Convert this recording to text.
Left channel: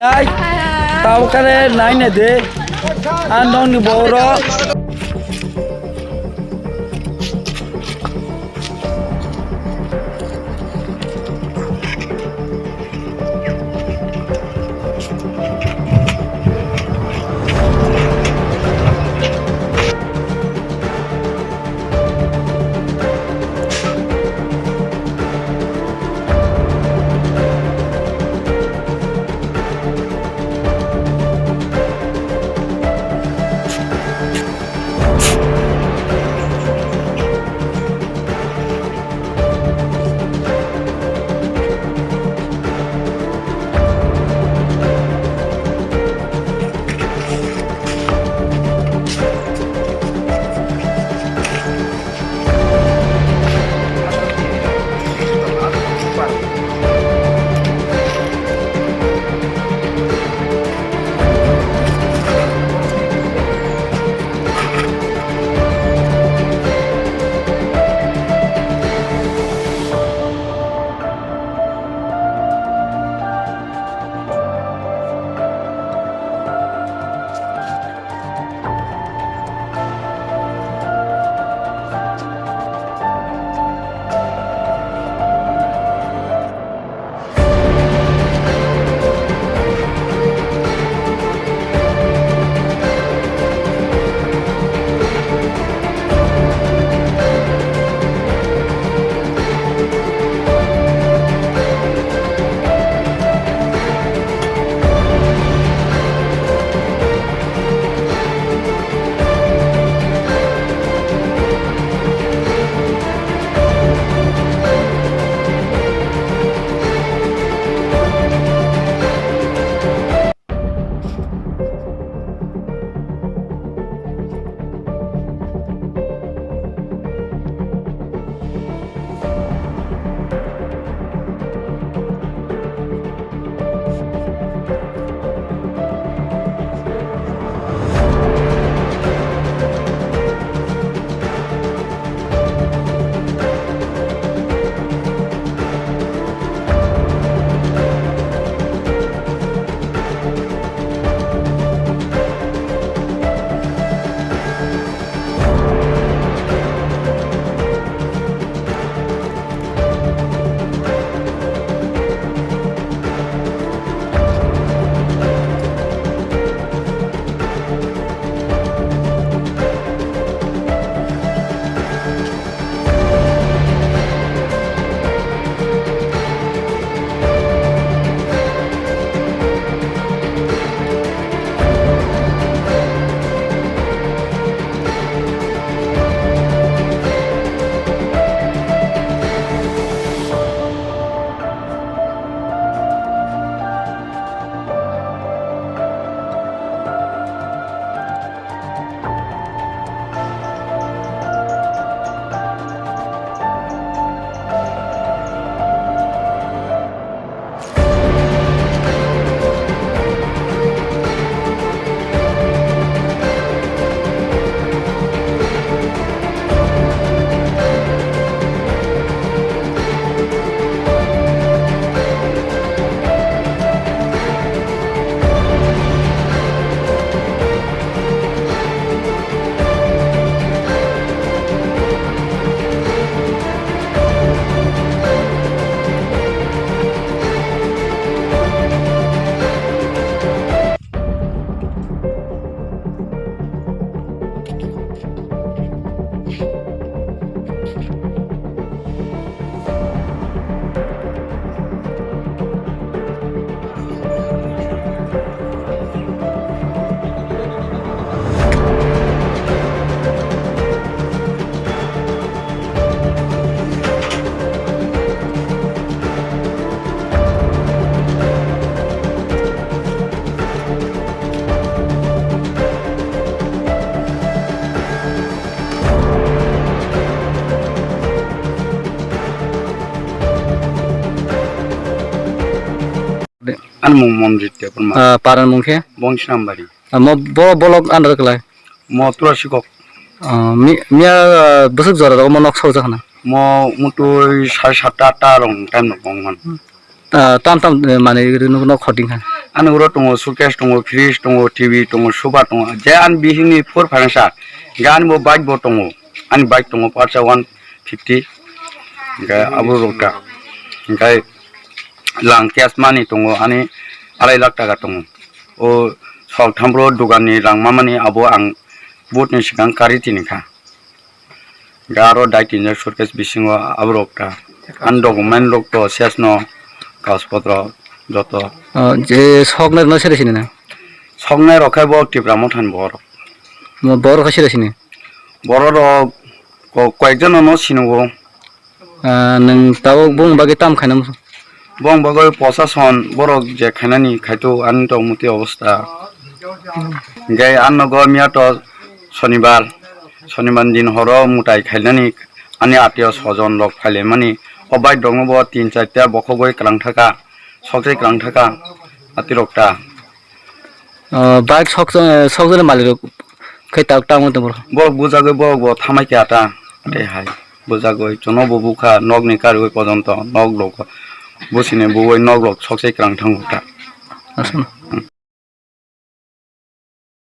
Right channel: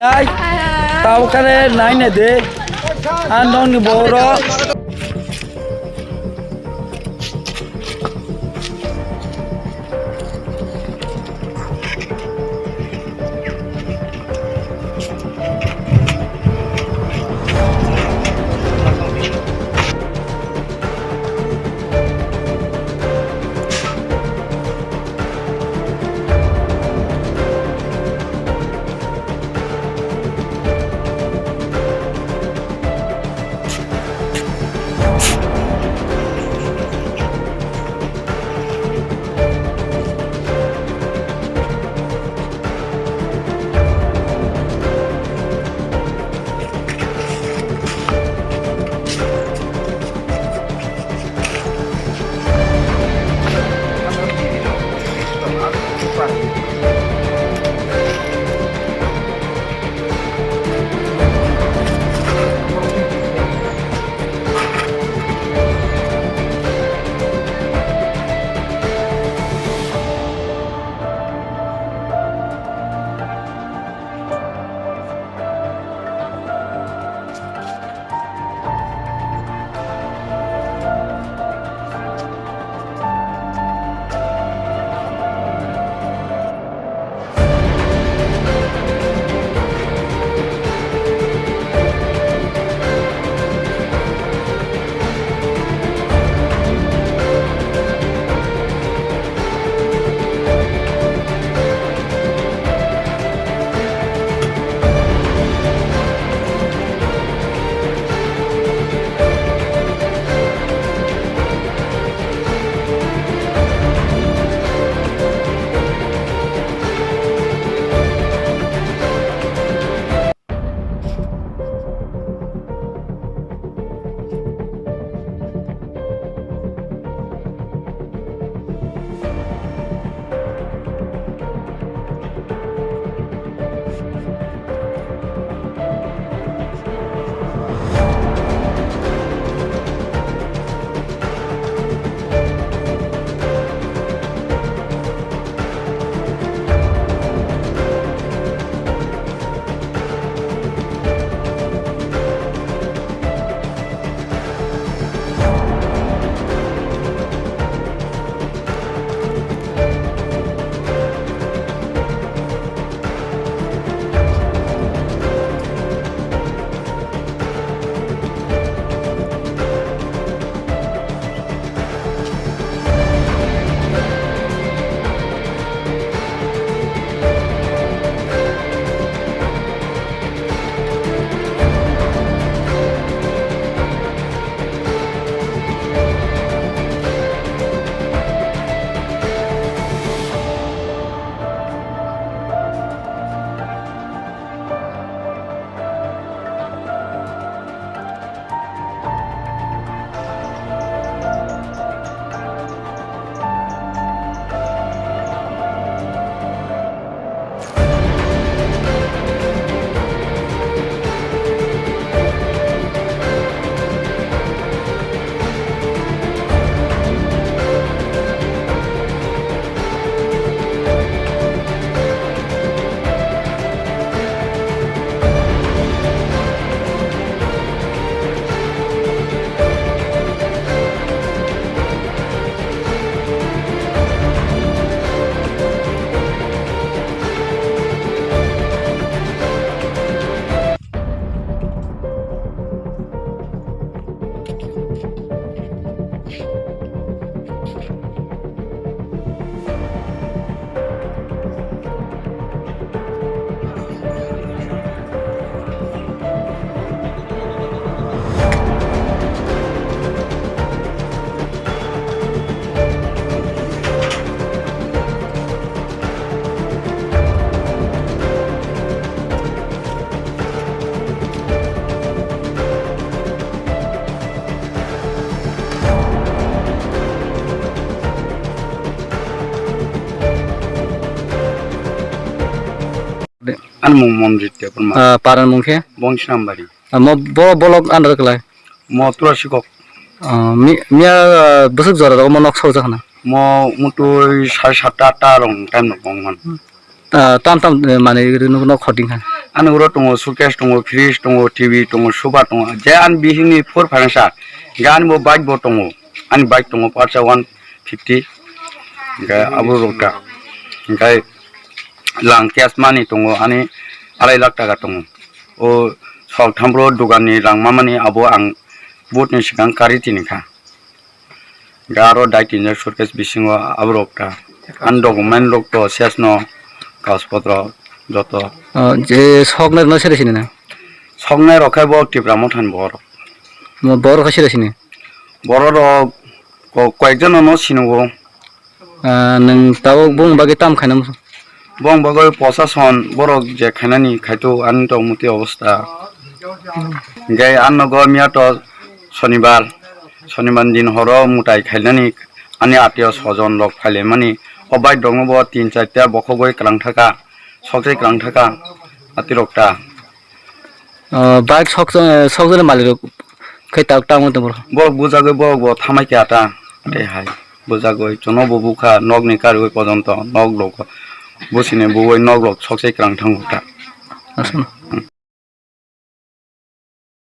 Ay, tao ka rin, nain na de. Anong ni Boro? An mong dia perma. Paran mungkin? Bongshiram bari. Mau bolok andar kelai. Mau Tulasikhor. Mia besok juara tak mau nak saus kan? Mau mutu 7:30 rong time nak bongman. Tam mana itu nak cutting kan? An uro tongo suitcase tongo fridge tongo TV tongo sofa tongo je an bihingni for phansa gan bo bike bo tongo an bike tongo parsa 150 ga abu rokta gai lang cash money tongo ani 2 lakh taka tongo o sok thambro dogani rang mamani abo ang bot ni sikang kari tinika garo daitin suitcase bisingo abu rokta an document lok to sesno kaspotro joto যে সকনের ন সেরেছিনি না songnai rokai bo tipra mothan bor বড় কাছে সেরেছিনি bor rok কয়েকজন no sinugo নং তাও বুং বাগে তাম খাইনাম bong bagoi প্রশাসন borok je khainani khaito an to muti অবস্থা gai an go miya to শনিবার দিন হর মুটাই খাইনানি ani atio sojon lok phaile mani obai dongo bo 3-4 ta bokogoi krang thaka সকজে krang thaka atirokta বাইক সকজনের মালিক খাই তাও টাম তো বড় borok bujagoi borok bo thamai ke ata te hai bujagoi chono bo bukha nog ni karoi pojonto nog lok bosine boi nog lok সকজে krang thangota আসুন